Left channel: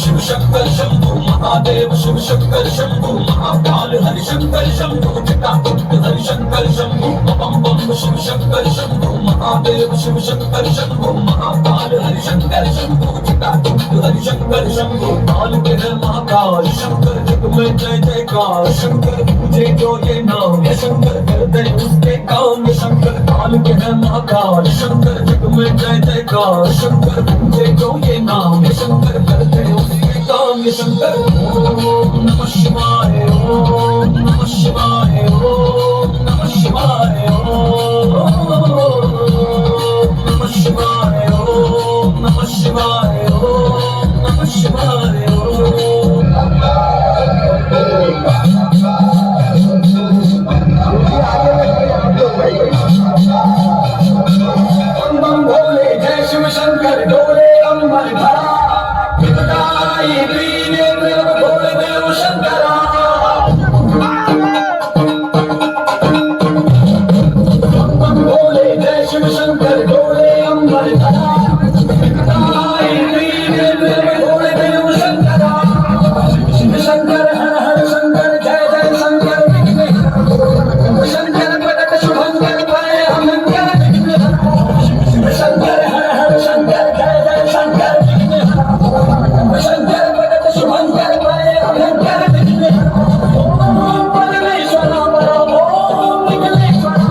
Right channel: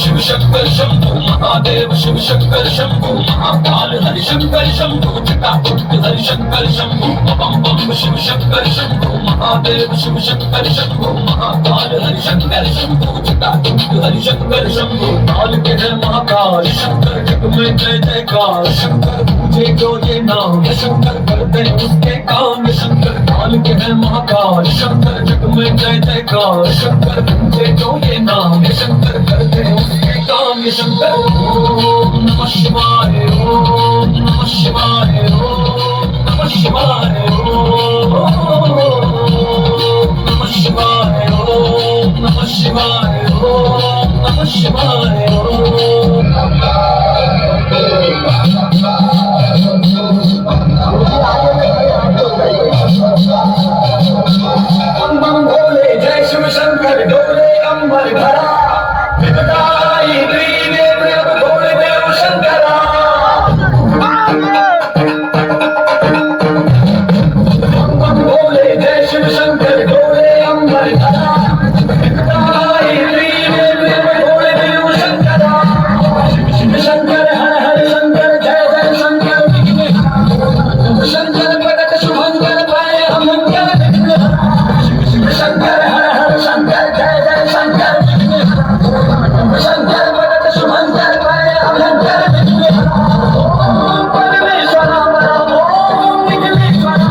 शिव शंकर शंभू महादेव शिव शंकर शंभू महाकाल हरि शंकर शंभू जटाकुट हरि शंकर शंभू बम बम शिव शंकर शंभू महादेव शिव शंकर शंभू महाकाल हरि शंकर शंभू जटाकुट हरि शंकर शंभू काल के है महाकाल शंकर जग में जय जयकार शंकर पूजे जो ये नाम है शंकर करते उसके काम शंकर काल के है महाकाल शंकर जग में जय जयकार शंकर पूजे जो ये नाम है शंकर करते उसके काम शंकर ओम नमः शिवाय ओम नमः शिवाय ओम नमः शिवाय ओम नमः शिवाय ओम नमः शिवाय ओम नमः शिवाय बम भोले जय शिव शंकर डोले अंबर धरा विदताई त्रिनेत्र भोले देव शंकरा बम भोले जय शिव शंकर डोले अंबर धरा विदताई त्रिनेत्र भोले देव शंकरा शिव शंकर हर हर शंकर जय जय शंकर शंकर प्रकट शुभंकर प्राय अमंकर शिव शंकर हर हर शंकर जय जय शंकर शंकर भगत शुभंकर प्राय अभंकर ओम परमेश्वरा वरा ओम विघ्नेश्वरा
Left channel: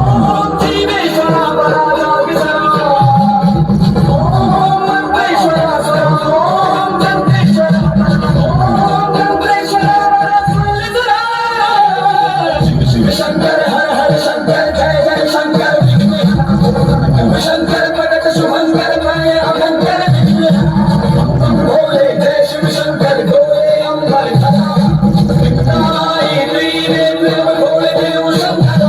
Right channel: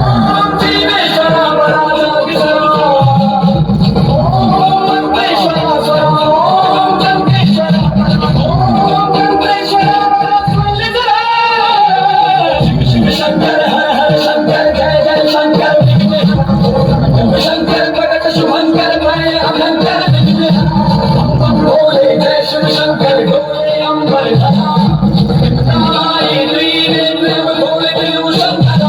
ओम जीवेश्वरा वरा जोगीश्वरा ओम मंगेश्वरा स्वरा ओम गंगेश्वरा ओम गंगेश्वरा शिव शंकर हर हर शंकर जय जय शंकर शंकर भगत शुभंकर प्राय अभंकर भोले जय शिव शंकर डोले अंबर धरा विदताई त्रिनेत्र भोले देव शंकरा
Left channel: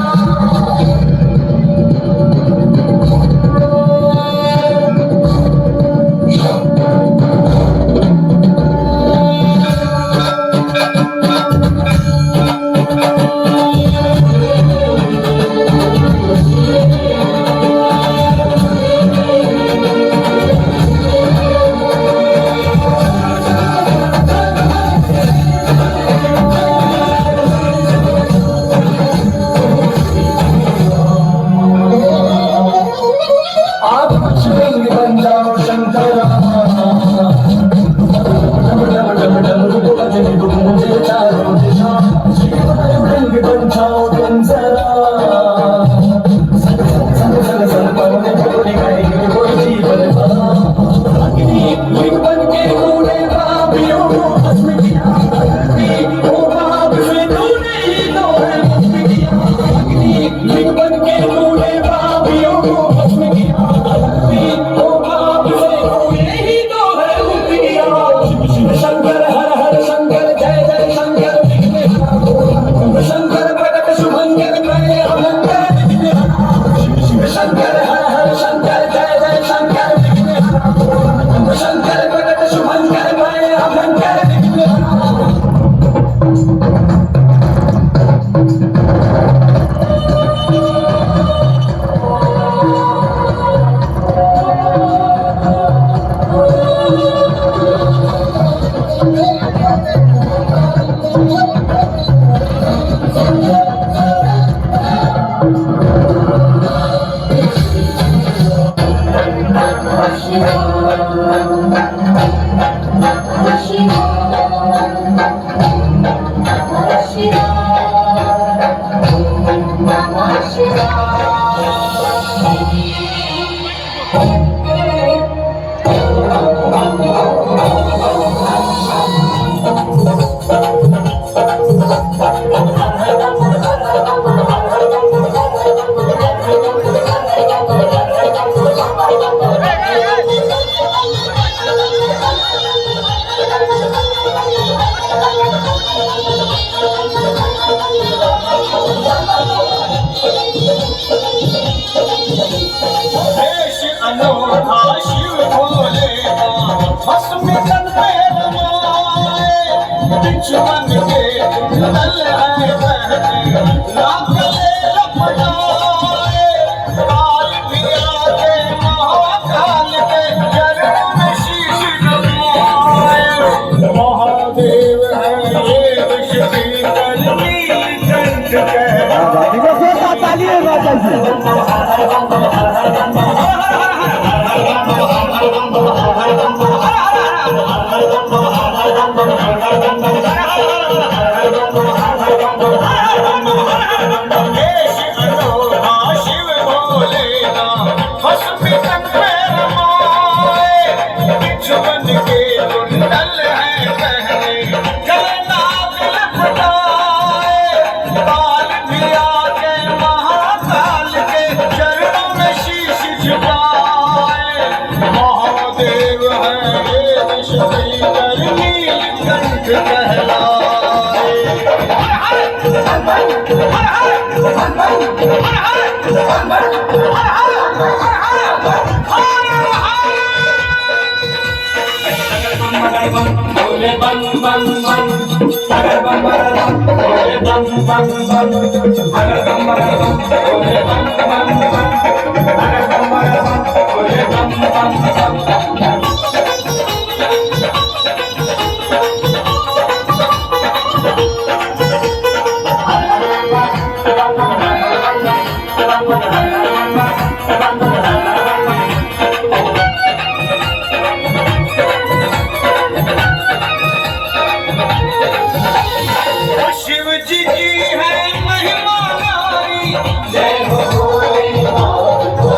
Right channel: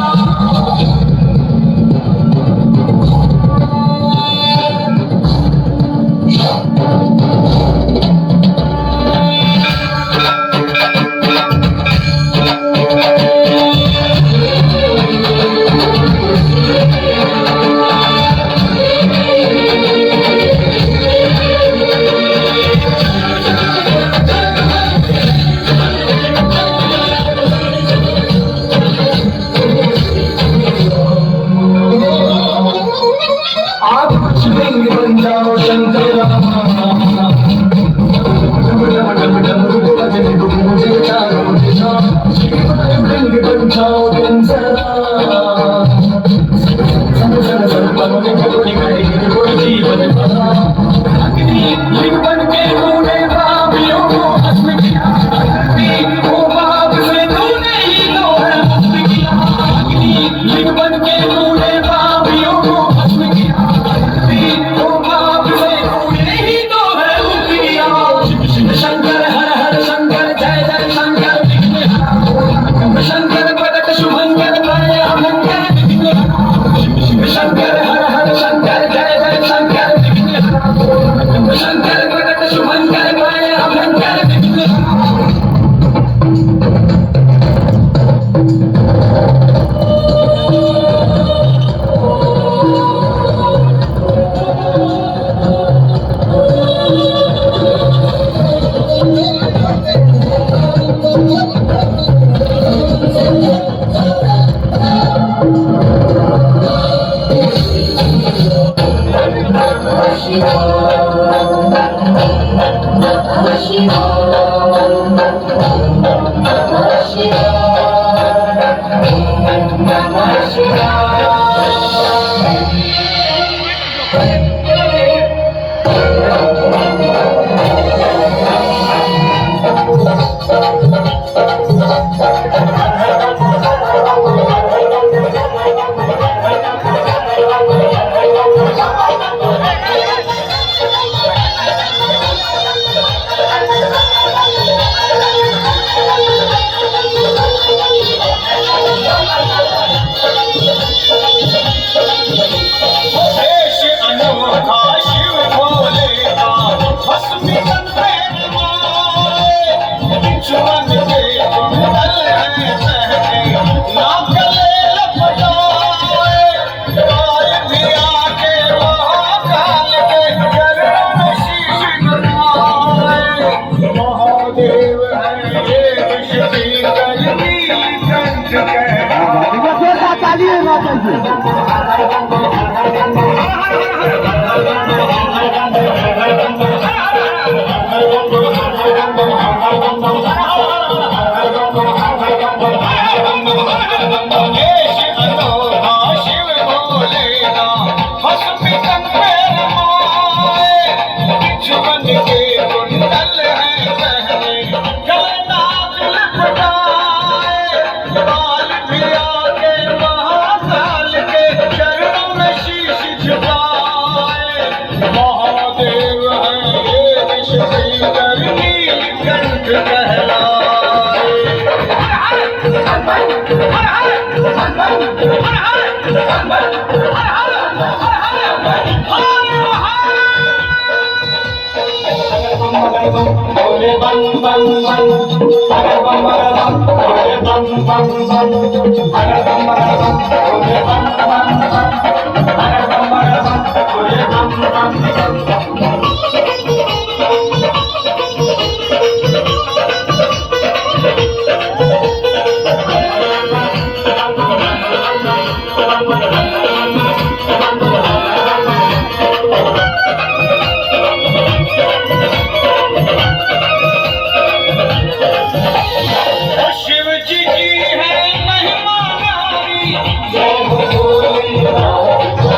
शिवलिंग बन जाओ शंकर शिवलिंग बन जाओ बंसरा लिंग बन के तूने पापियों को भस्म किया वो पाप से तूने ही तो है मुक्त किया लिंग बन के तूने पापियों को भस्म किया वो पाप से तूने ही तो है मुक्त किया शिव शंकर हर हर शंकर जय जय शंकर शंकर प्रकट शुभंकर प्राय अभंकर शिव शंकर हर हर शंकर जय जय शंकर शंकर प्रकट शुभंकर प्राय अभंकर दुश्मन के कुंडल है बहने ना गले लपटाए काल भी आके महाकाल के चरणों में शीश झुकाए महादेव है ये विश्व करनी कंठ कहलाए तालिए महादेव है ये विश्व करनी कंठ बोले बम बम बम बम बम बम बम बम बम बम